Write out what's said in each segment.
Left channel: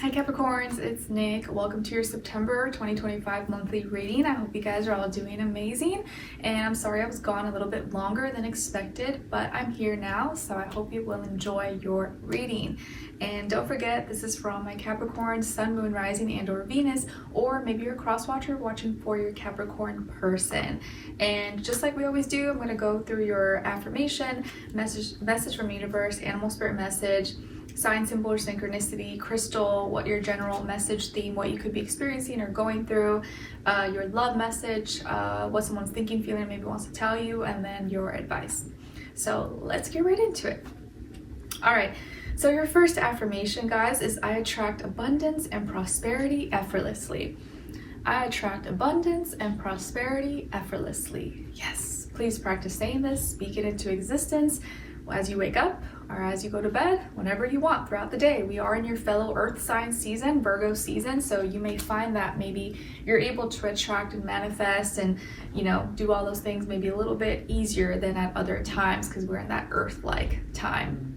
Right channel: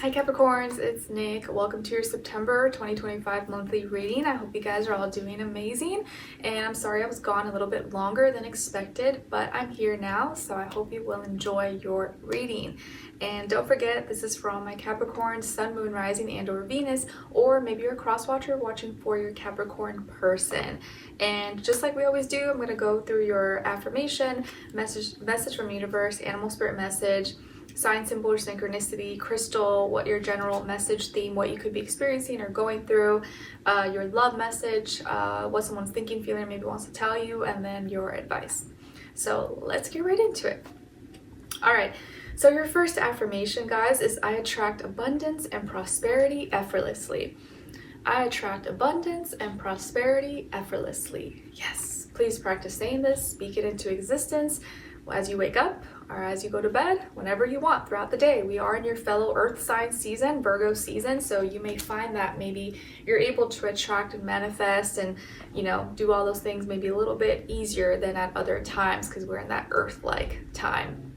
Hi Capricorns, it's Nick. Welcome to your September 2025 monthly reading. I hope you guys are all doing amazing. And I'm sorry I was gone a little bit longer than expected, but I'm here now, so I hope you will enjoy your reading. And don't forget, this is for all my Capricorn, Sun, Moon, Rising, and or Venus, or maybe you're a cross-watcher watching for your Capricorn person. And just like we always do, I'm going to go through your affirmation, message from universe, animal spirit message, sign, symbol, or synchronicity, crystal, what your general message theme, what you could be experiencing or going through, your love message, what someone's thinking, feeling, maybe wants to tell you, and then your advice. So let's get right into it. All right. So your first affirmation, guys, is I attract abundance and prosperity effortlessly. I attract abundance and prosperity effortlessly. Yes, please practice saying this, speak it into existence as you wake up or as you go to bed, whenever you want throughout the day. We are in your fellow earth sign season, Virgo season, so you may find that maybe you're able to attract and manifest and, you know, do all those things maybe a little bit easier than at other times because we're in that earth-like time.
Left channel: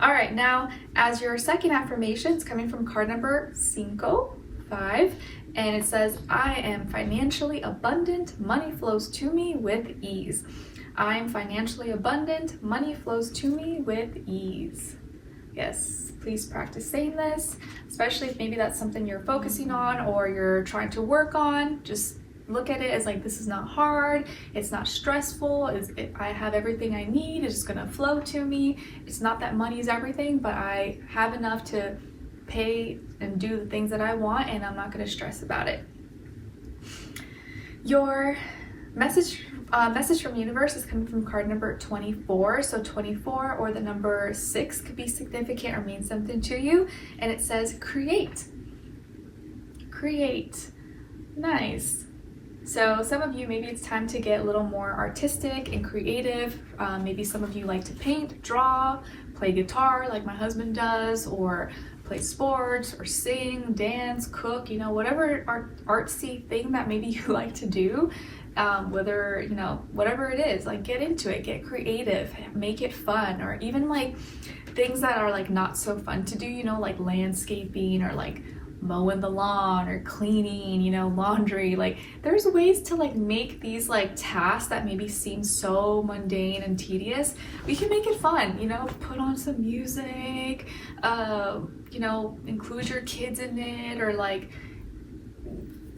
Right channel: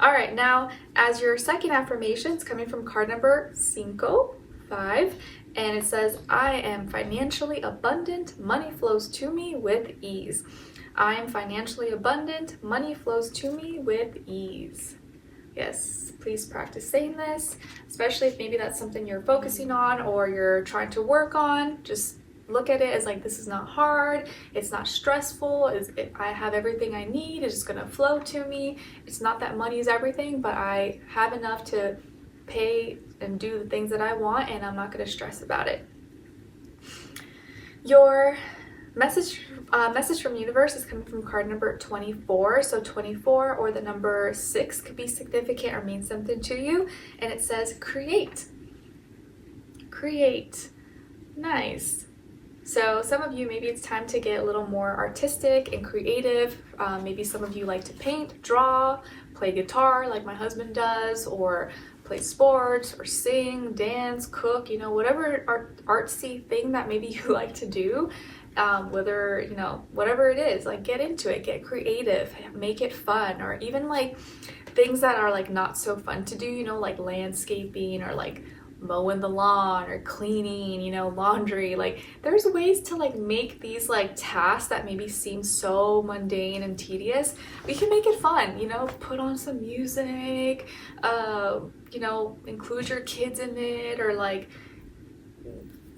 All right, now as your second affirmation, it's coming from card number 5, and it says, I am financially abundant, money flows to me with ease. I am financially abundant, money flows to me with ease. Yes, please practice saying this, especially if maybe that's something you're focusing on or you're trying to work on. Just look at it as like, this is not hard, it's not stressful, I have everything I need, it's just gonna flow to me. It's not that money is everything, but I have enough to pay and do the things that I want, and I'm not gonna stress about it. Your message from universe is coming from card number 24. So 24 or the number 6 could be significant or mean something to you, and it says create. Nice. So some of you, maybe it's time to get a little more artistic and creative. Maybe some of you like to paint, draw, play guitar like my husband does, or play sports or sing, dance, cook, you know, whatever artsy thing that maybe you like to do. Whether, you know, whatever it is, like get into it, get creative, make it fun, or even like things that are like not so fun to do, you know, like landscaping or like mowing the lawn or cleaning, you know, laundry. Like there's ways to like make these like tasks that maybe seem so mundane and tedious. We can make it fun, you know, put on some music, you know, include your kids in it, or like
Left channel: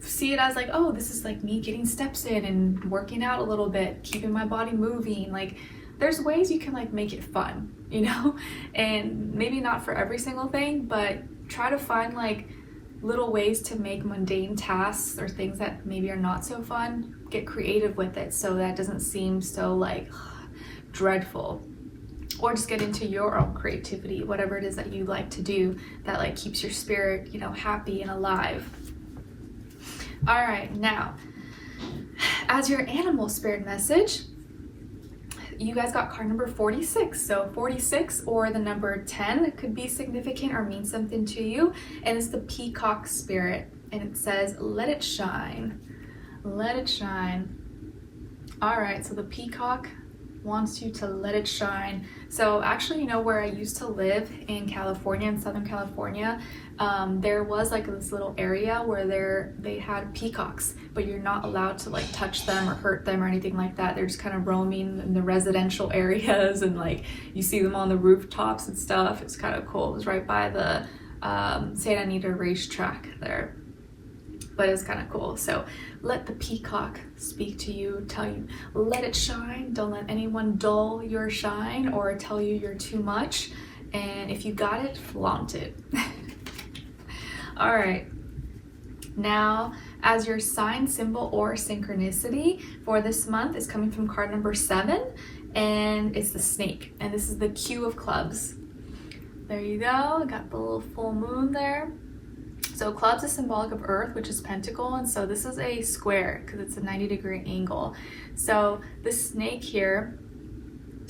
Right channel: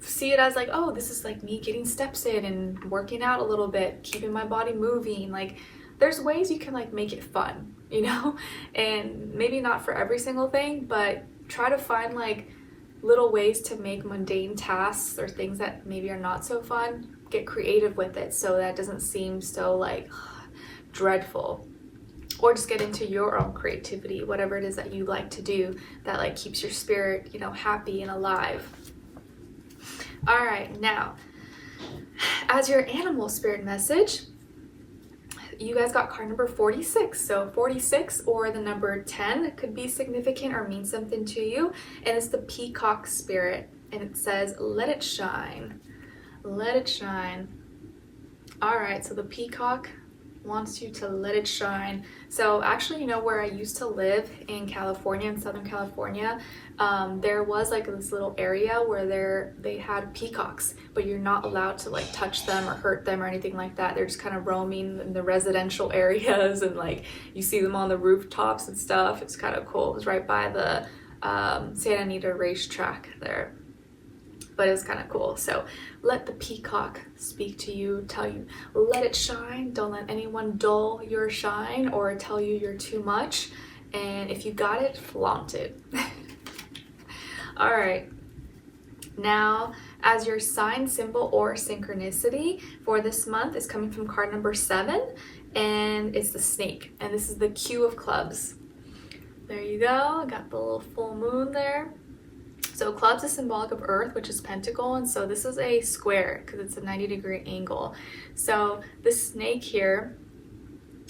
see it as like, oh, this is like me getting steps in and working out a little bit, keeping my body moving. Like there's ways you can like make it fun, you know, and maybe not for every single thing, but try to find like little ways to make mundane tasks or things that maybe are not so fun, get creative with it so that it doesn't seem so like dreadful. Or just get into your own creativity, whatever it is that you like to do that like keeps your spirit, you know, happy and alive. All right, now as your animal spirit message, you guys got card number 46. So 46 or the number 10 could be significant or mean something to you, and it's the peacock spirit, and it says, let it shine. Let it shine. All right, so the peacock wants you to let it shine. So actually, you know, where I used to live in California, in Southern California, there was like this little area where they had peacocks, but you're not allowed to like touch them or hurt them or anything like that. They're just kind of roaming in the residential areas, and like you see them on the rooftops and stuff. It's kind of cool. It was right by the Santa Anita racetrack there, but it was kind of cool. So let the peacock speak to you, tell you, let it shine. Don't let anyone dull your shine or tell you you're too much. And if you got it, flaunt it. All right, now as your sign, symbol, or synchronicity for this month is coming from card number 7, and it's the snake, and this is the Q of clubs. There you go, got the little full moon there. So clubs is symbolic of earth, which is pentacle, and so this is a square because it's a 90-degree angle. So this snake here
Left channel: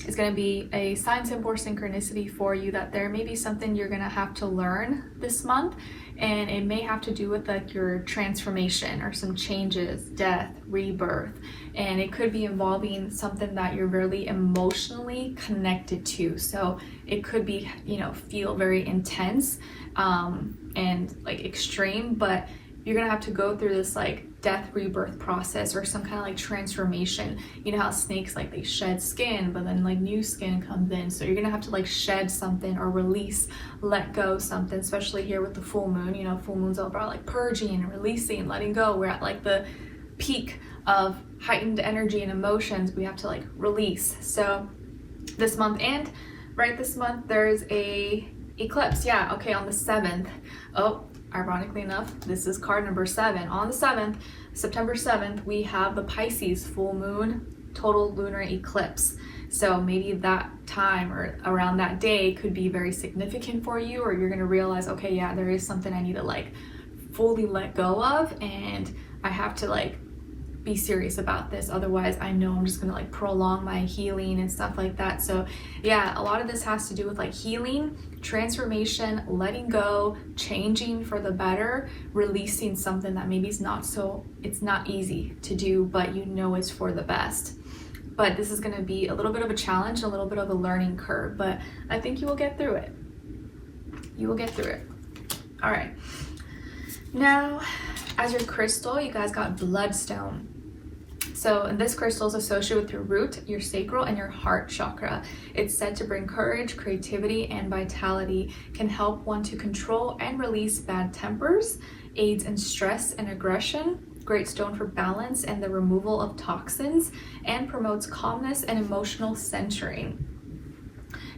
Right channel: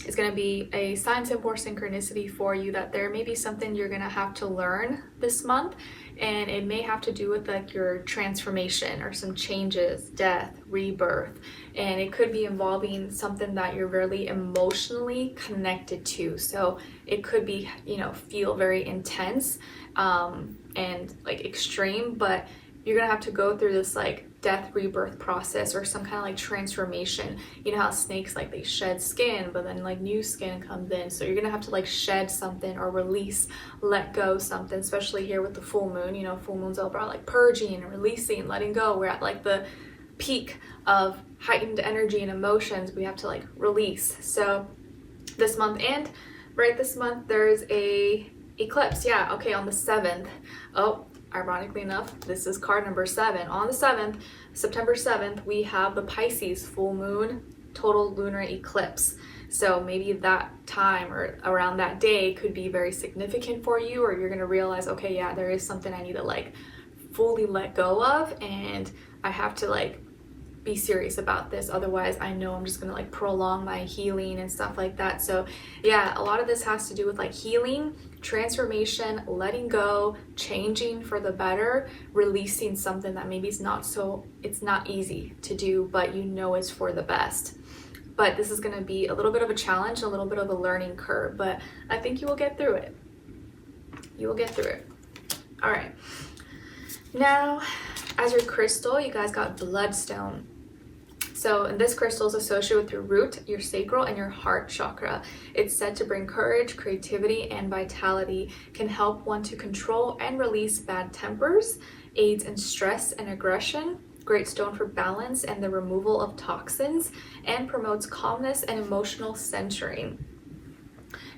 is going to be a sign, symbol, or synchronicity for you, that there may be something you're going to have to learn this month, and it may have to do with like your transformation or some changes, death, rebirth, and it could be involving something that you're really emotionally connected to. So it could be, you know, feel very intense, and like extreme, but you're gonna have to go through this like death rebirth process or some kind of like transformation. You know how snakes, like they shed skin, but then like new skin comes in. So you're gonna have to like shed something or release, let go something, especially here with the full moon. You know, full moon's all about like purging and releasing and letting go. We're at like the peak of heightened energy and emotions. We have to like release. So this month, and right this month, there's a eclipse. Yeah, okay, on the 7th. Oh, ironically enough, this is card number 7. On the 7th, September 7th, we have the Pisces full moon total lunar eclipse. So maybe that time or around that day could be very significant for you, or you're gonna realize, okay, yeah, there is something I need to like fully let go of, and I have to like be serious about this. Otherwise, I know I'm just gonna like prolong my healing and stuff like that. So yeah, a lot of this has to do with like healing, transformation, letting go, changing for the better, releasing something that maybe it's not easy to do, but you know it's for the best. But this is going to be a little bit of a challenge, a little bit of a learning curve, but I think you will get through it. You will get through it. All right. Now, as your crystal, you guys got bloodstone. So, and this crystal is associated with your root, your sacral, and your heart chakra. It's said to bring courage, creativity, and vitality, can help one to control and release bad tempers, aids in stress and aggression, great stone for balance and the removal of toxins, and promotes calmness and emotional centering.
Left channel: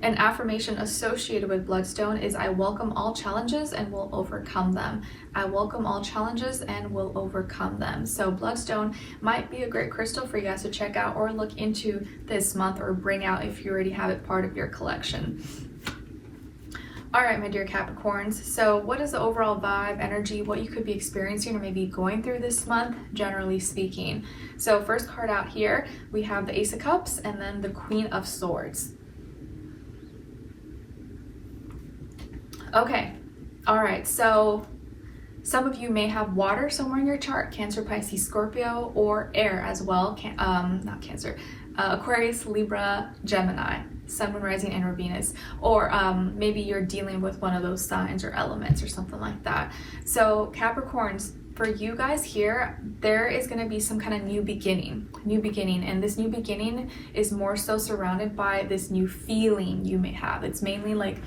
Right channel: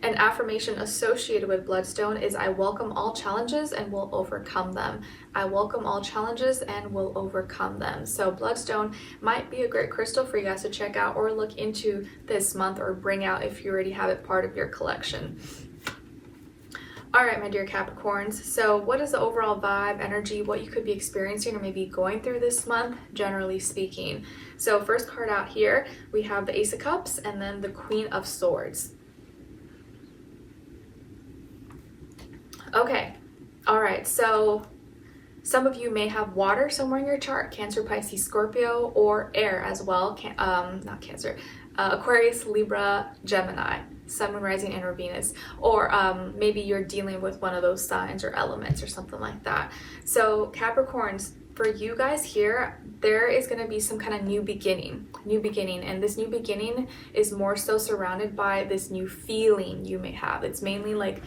An affirmation associated with bloodstone is, I welcome all challenges and will overcome them. I welcome all challenges and will overcome them. So bloodstone might be a great crystal for you guys to check out or look into this month, or bring out if you already have it part of your collection. All right, my dear Capricorns. So what is the overall vibe, energy, what you could be experiencing or maybe going through this month, generally speaking? So first card out here, we have the Ace of Cups and then the Queen of Swords. Okay, all right, so some of you may have water somewhere in your chart, Cancer, Pisces, Scorpio, or air as well, not Cancer, Aquarius, Libra, Gemini, Sun, Moon, Rising, and or Venus, or maybe you're dealing with one of those signs or elements or something like that. So Capricorns, for you guys here, there is going to be some kind of new beginning, and this new beginning is more so surrounded by this new feeling you may have. It's mainly like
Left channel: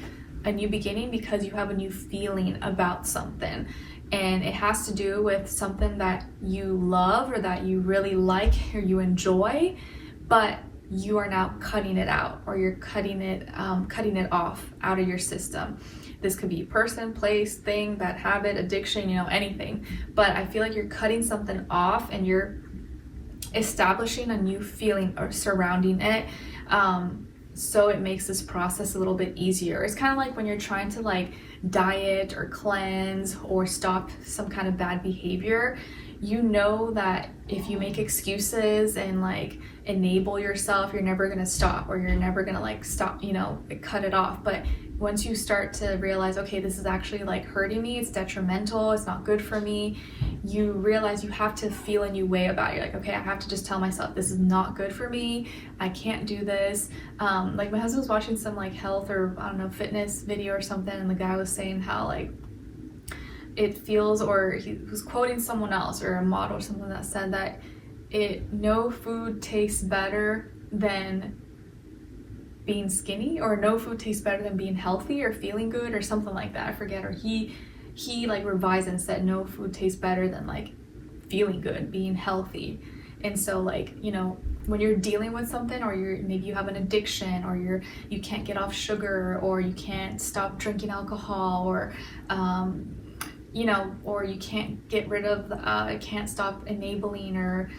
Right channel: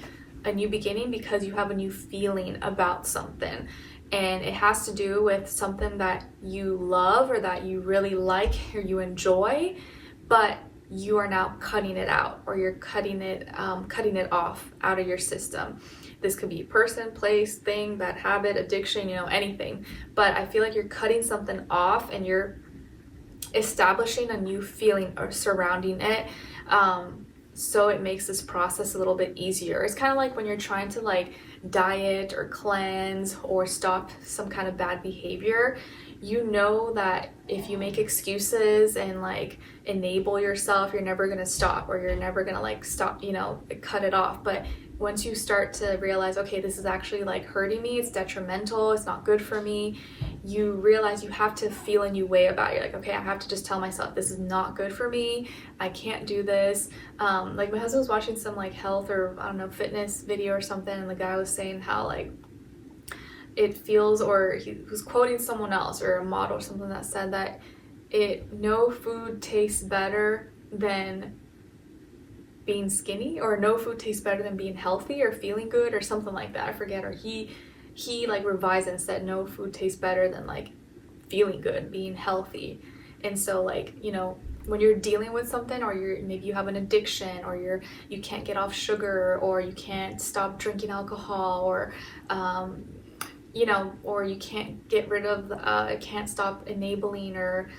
a new beginning because you have a new feeling about something, and it has to do with something that you love or that you really like or you enjoy, but you are now cutting it out, or you're cutting it off out of your system. This could be person, place, thing, bad habit, addiction, you know, anything. But I feel like you're cutting something off and you're establishing a new feeling or surrounding it. So it makes this process a little bit easier. It's kind of like when you're trying to like diet or cleanse or stop some kind of bad behavior. You know that if you make excuses and like enable yourself, you're never gonna stop, or you're never gonna like stop, you know, cut it off. But once you start to realize, okay, this is actually like hurting me, it's detrimental, it's not good for me, you realize you have to feel a new way about it. You're like, okay, I have to just tell myself this is not good for me, I can't do this. Like my husband was watching some like health or I don't know, fitness video or something, and the guy was saying how like it feels, or he was quoting someone else or a model or something that said that no food tastes better than being skinny, or no food tastes better than being healthy or feeling good or something like that. I forget. Or he like revised and said no food tastes better than like feeling good, being healthy. And so like, you know, when you're dealing with something, or maybe you have an addiction, or you can't get off sugar, or you can't stop drinking alcohol, or you know, or you can't get rid of can't stop enabling or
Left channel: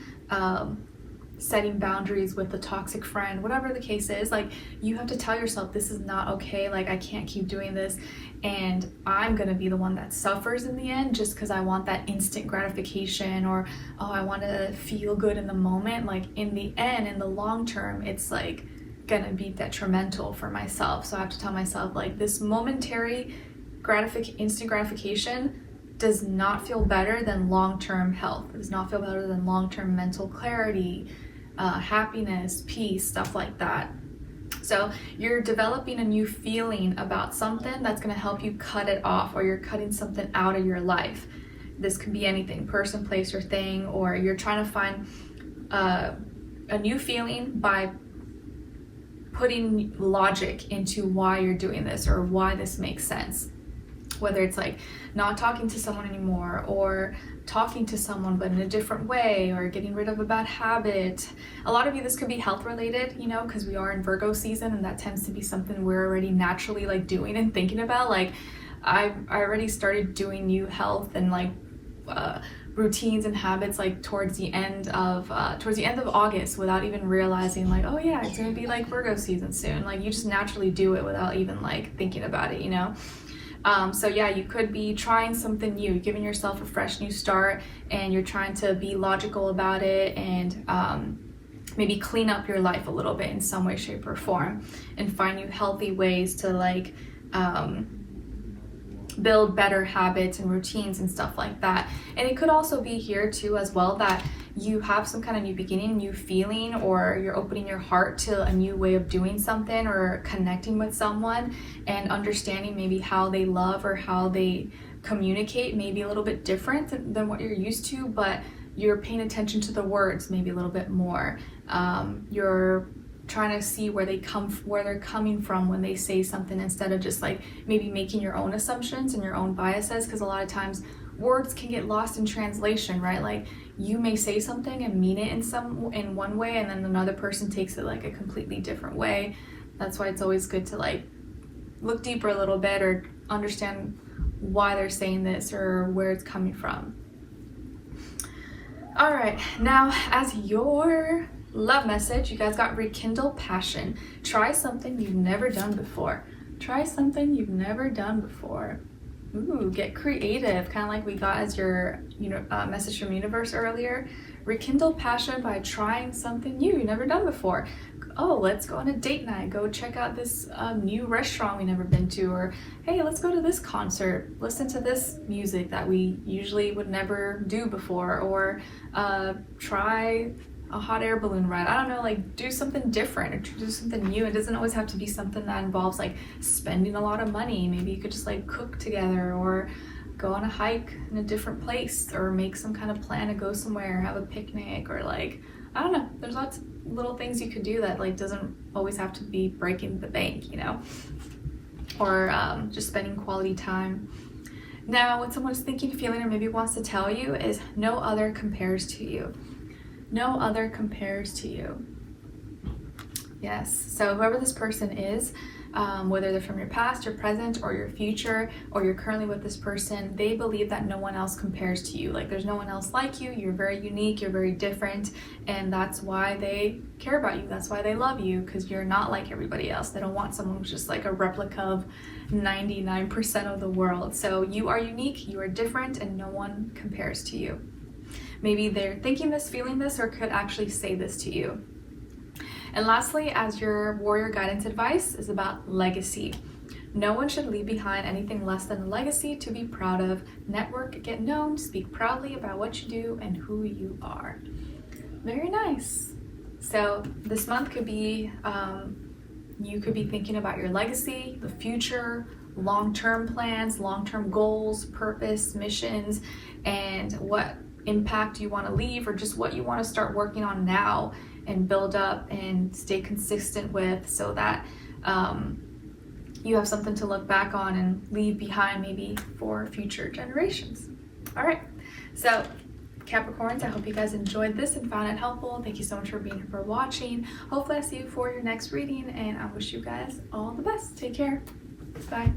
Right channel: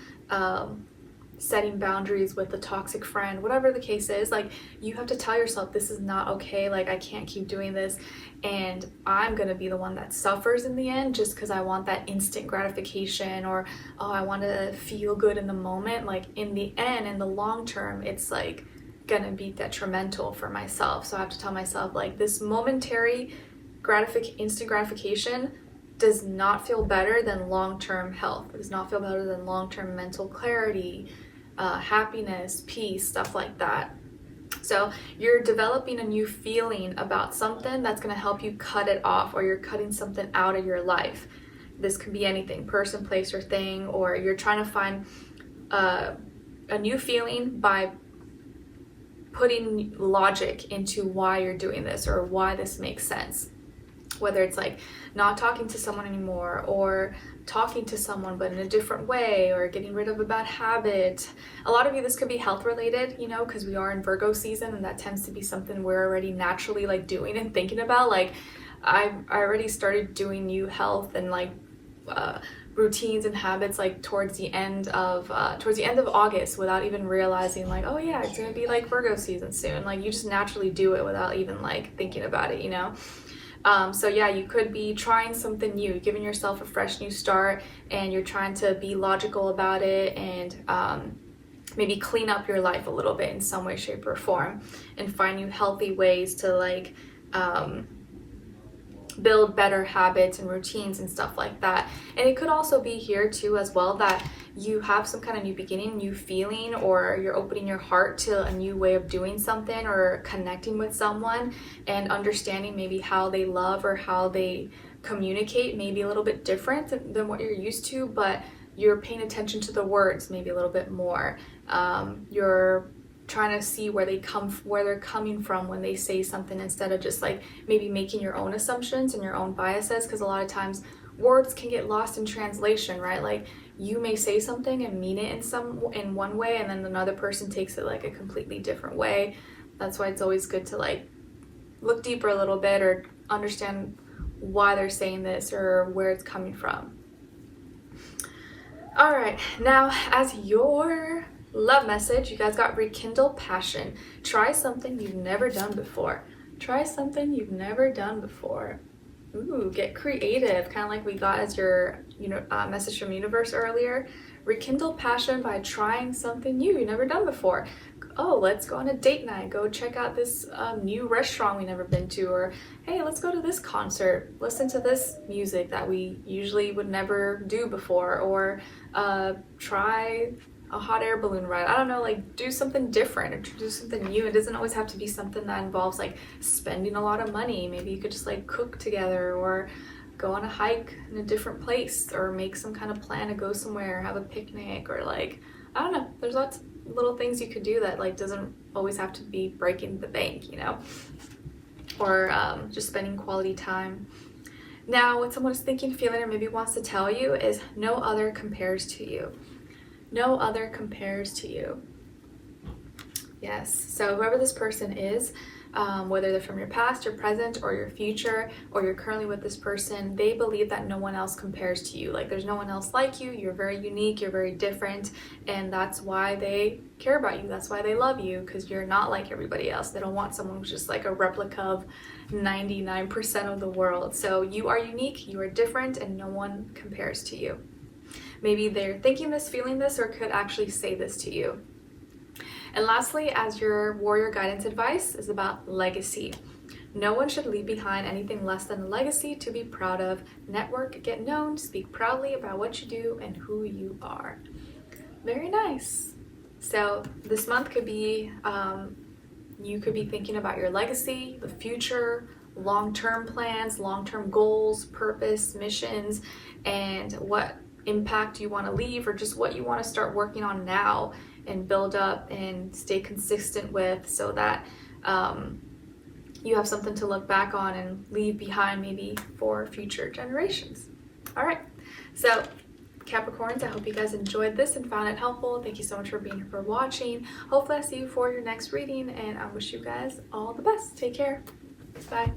setting boundaries with a toxic friend, whatever the case is, like you have to tell yourself this is not okay, like I can't keep doing this, and I'm gonna be the one that suffers in the end just because I want that instant gratification, or oh, I want to feel good in the moment. Like in the end, in the long term, it's like gonna be detrimental for myself. So I have to tell myself like this momentary instant gratification does not feel better than long-term health. It does not feel better than long-term mental clarity, happiness, peace, stuff like that. So you're developing a new feeling about something that's going to help you cut it off, or you're cutting something out of your life. This could be anything, person, place, or thing, or you're trying to find a new feeling by putting logic into why you're doing this or why this makes sense. Whether it's like not talking to someone anymore, or talking to someone but in a different way, or getting rid of a bad habit. A lot of you, this could be health related, you know, because we are in Virgo season, and that tends to be something we're already naturally like doing and thinking about. Like I already started doing new health and like routines and habits like towards the end of August, without even realizing like, oh yeah, it's gonna be like Virgo season soon. Like you just naturally do it without even like thinking about it, you know. So yeah, you could be trying something new, giving yourself a fresh new start, and you're trying to be logical about it, and maybe clean up your life a little bit in some way, shape, or form, and find new healthy ways to like build better habits and routines and stuff like that. And it could also be here too as well, that you have some kind of new beginning, new feeling, or you're opening your heart to a new way of doing something, or connecting with someone and understanding maybe how they love or how they communicate, maybe a little bit different than what you're used to, but you're paying attention to the words maybe a little bit more. You're trying to see where they're coming from when they say something, instead of just like maybe making your own assumptions and your own biases, because a lot of times words can get lost in translation, right? Like you may say something and mean it in one way, and then another person takes it like a completely different way. That's why it's always good to like look deeper a little bit, or understand why they're saying this or where it's coming from. All right, now as your love message, you guys got rekindle passion. Try something you've never done before. Try something you've never done before. Ooh, get creative, kind of like we got as your message from universe earlier. Rekindle passion by trying something new you've never done before. Oh, let's go on a date night, go check out this new restaurant we've never been to, or hey, let's go to this concert, listen to this music that we usually would never do before, or try a hot air balloon ride. I don't know, like do something different or do something new. It doesn't always have to be something that involves like spending a lot of money. Maybe you could just like cook together, or go on a hike in a different place, or make some kind of plan to go somewhere, have a picnic, or like, I don't know, there's lots of little things you could do that like doesn't always have to be breaking the bank, you know, or just spending quality time. Now, what someone's thinking, feeling, or maybe wants to tell you is no other compares to you. No other compares to you. Yes, so whoever this person is, whether they're from your past, your present, or your future, or you're currently with this person, they believe that no one else compares to you. Like there's no one else like you. You're very unique, you're very different, and that's why they care about you. That's why they love you, because you're not like everybody else. They don't want someone who's just like a replica of 99% of the world. So you are unique, you are different, and no one compares to you. Maybe they're thinking this, feeling this, or could actually say this to you. And lastly, as your warrior guidance advice, is about legacy. No one should leave behind anything less than a legacy to be proud of. Network, get known, speak proudly about what you do and who you are. Very nice. So this month could be, you could be thinking about your legacy, the future, long-term plans, long-term goals, purpose, missions, and what impact you want to leave, or just what you want to start working on now and build up and stay consistent with, so that you have something to look back on and leave behind maybe for future generations. All right, so Capricorns, I hope you guys enjoyed this and found it helpful. Thank you so much for being here, for watching. Hopefully I see you for your next reading, and I wish you guys all the best. Take care. Bye.